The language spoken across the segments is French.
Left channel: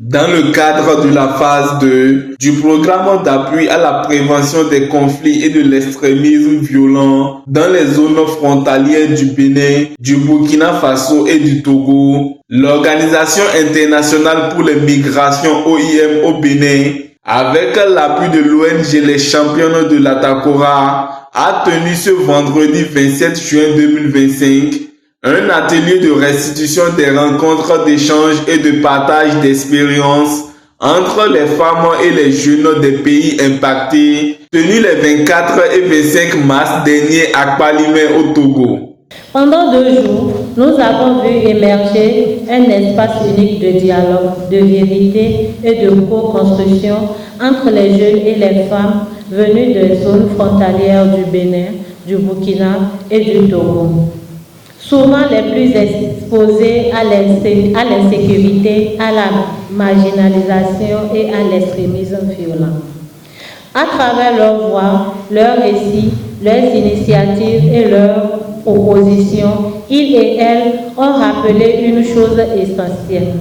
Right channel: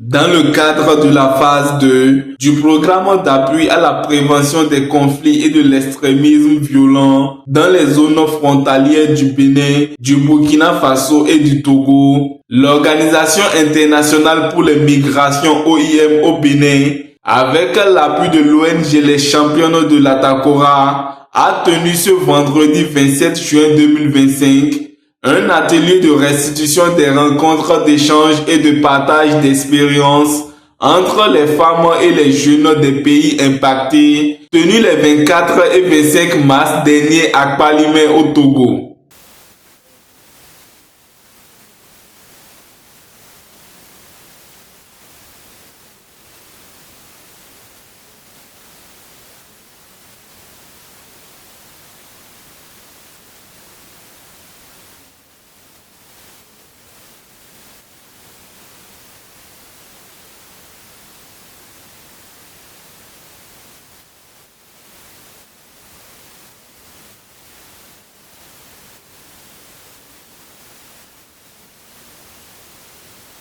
Dans le cadre de la phase 2 du programme d'appui à la prévention des conflits et de l'extrémisme violent dans les zones frontalières du Bénin, du Burkina Faso et du Togo, l'Organisation internationale pour les migrations OIM au Bénin, avec l'appui de l'ONG Les Championnes de l'Atakora, a tenu ce vendredi 27 juin 2025 un atelier de restitution des rencontres d'échange et de partage d'expériences entre les femmes et les jeunes des pays impactés, tenu les 24 et 25 mars dernier à Kpalimé au Togo. Pendant 2 jours, nous avons vu émerger un espace unique de dialogue, de vérité et de co-construction entre les jeunes et les femmes venus des zones frontalières du Bénin, du Burkina et du Togo, souvent les plus exposés à l'insécurité, à la marginalisation et à l'extrémisme violent. À travers leurs voix, leurs récits, leurs initiatives et leurs propositions, ils et elles ont rappelé une chose essentielle.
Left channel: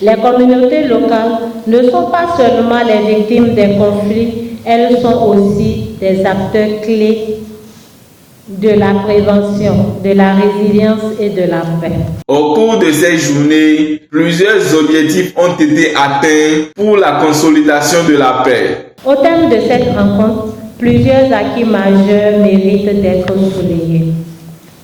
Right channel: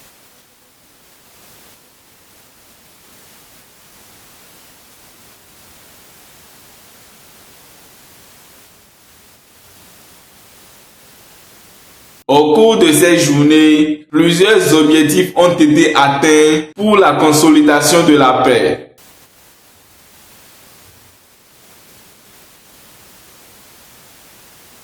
Les communautés locales ne sont pas seulement les victimes des conflits, elles sont aussi des acteurs clés de la prévention, de la résilience et de la paix. Au cours de ces journées, plusieurs objectifs ont été atteints pour la consolidation de la paix. Au terme de cette rencontre, plusieurs acquis majeurs méritent d'être soulignés.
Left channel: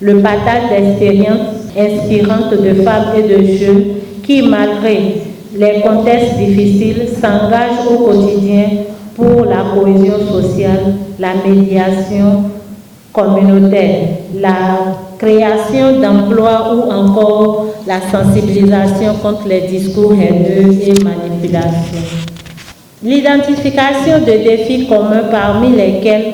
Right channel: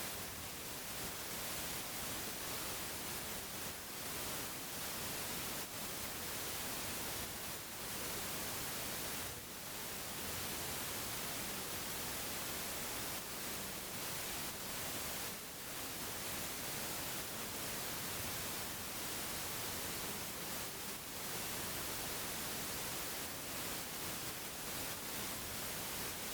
Le partage d'expériences inspirantes de femmes et de jeunes qui, malgré les contextes difficiles, s'engagent au quotidien pour la cohésion sociale, la médiation communautaire, la création d'emplois ou encore la sensibilisation contre les discours haineux et manipulations. L'identification de défis communs parmi lesquels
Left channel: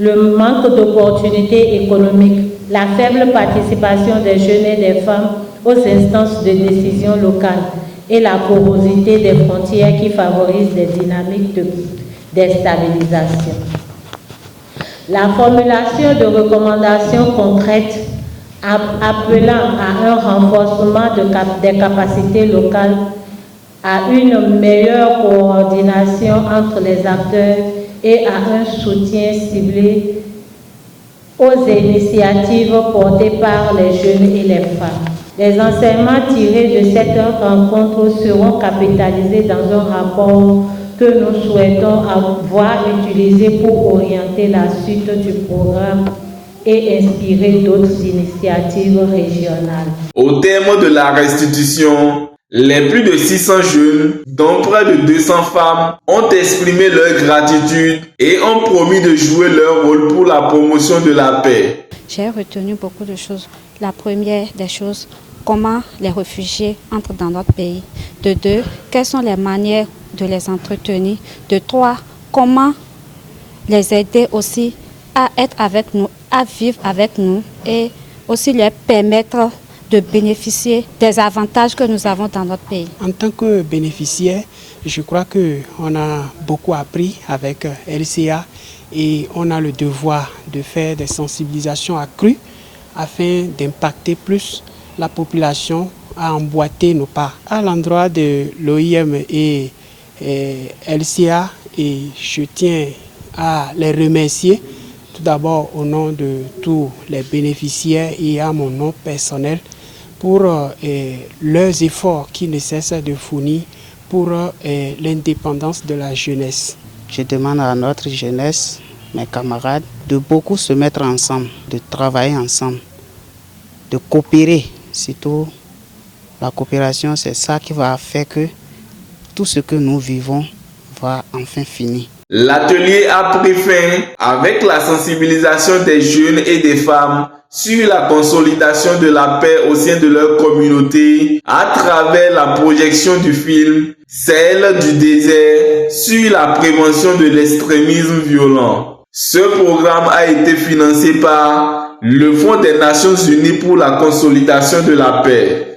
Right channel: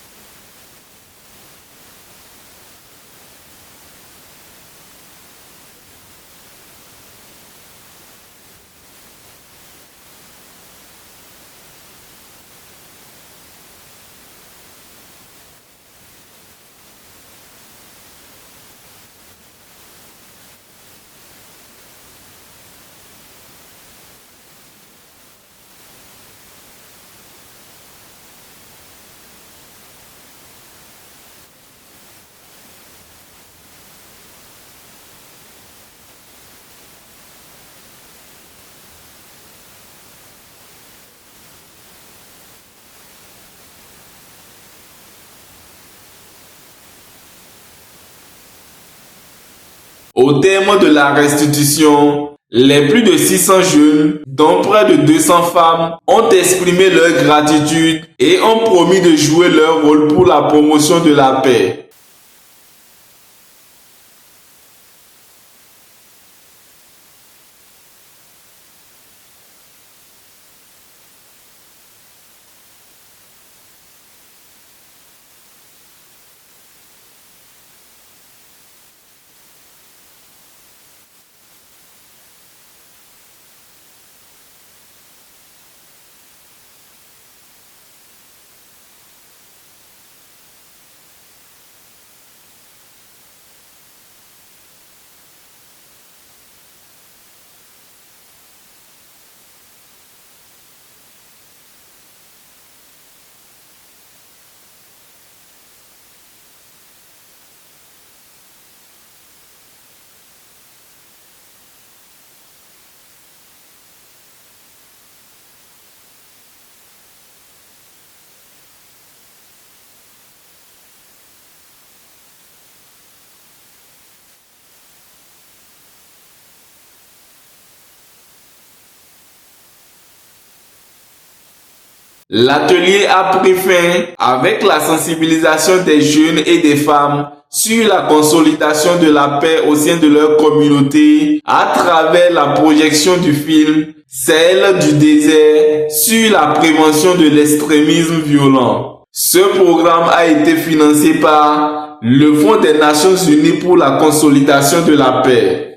le manque d'opportunités économiques, la faible participation des jeunes et des femmes aux instances de décision locales et la porosité des frontières qui favorisent des dynamiques de déstabilisation. La formulation de recommandations concrètes appelant à un renforcement des capacités locales, à une meilleure coordination entre les acteurs et à un soutien ciblé aux initiatives portées par les jeunes et les femmes. Les enseignements tirés de cette rencontre seront capitalisés dans un rapport que nous souhaitons avoir utilisé pour orienter la suite du programme et inspirer d'autres initiatives régionales. Au terme de la restitution, les plus de 600 jeunes, dont près de 200 femmes, ont exprimé leur gratitude et ont promis de jouer leur rôle pour la promotion de la paix. J'ai retenu beaucoup de choses. La première des choses, comment les réfugiés entrent dans notre pays. De 2, quelles sont les manières de les entretenir. De 3, comment les aider aussi à être avec nous, à vivre avec nous et aussi leur permettre de bénéficier des avantages que nous avons dans notre pays. En tant que bénéficiaire, je crois qu'on a beaucoup appris avec LCA et on a le devoir de faire des sensibilisations accrues afin d'impacter plus la population à emboîter nos pas. À l'endroit de l'OIM et LCA, et je tiens à les remercier tout d'abord au nom de tous les bénéficiaires et à mon nom personnel pour leurs efforts qui ne cessent de fournir pour l'indépendance de la jeunesse. Je demande à notre jeunesse, mes camarades, de beaucoup se mettre ensemble, de travailler ensemble, de coopérer. Surtout, la coopération, c'est ça qui va faire que tout ce que nous vivons va enfin finir. L'atelier a pris fin avec la sensibilisation des jeunes et des femmes sur la consolidation de la paix au sein de leur communauté à travers la projection du film Celle du désert sur la prévention de l'extrémisme violent. Ce programme a été financé par le Fonds des Nations Unies pour la consolidation de la paix.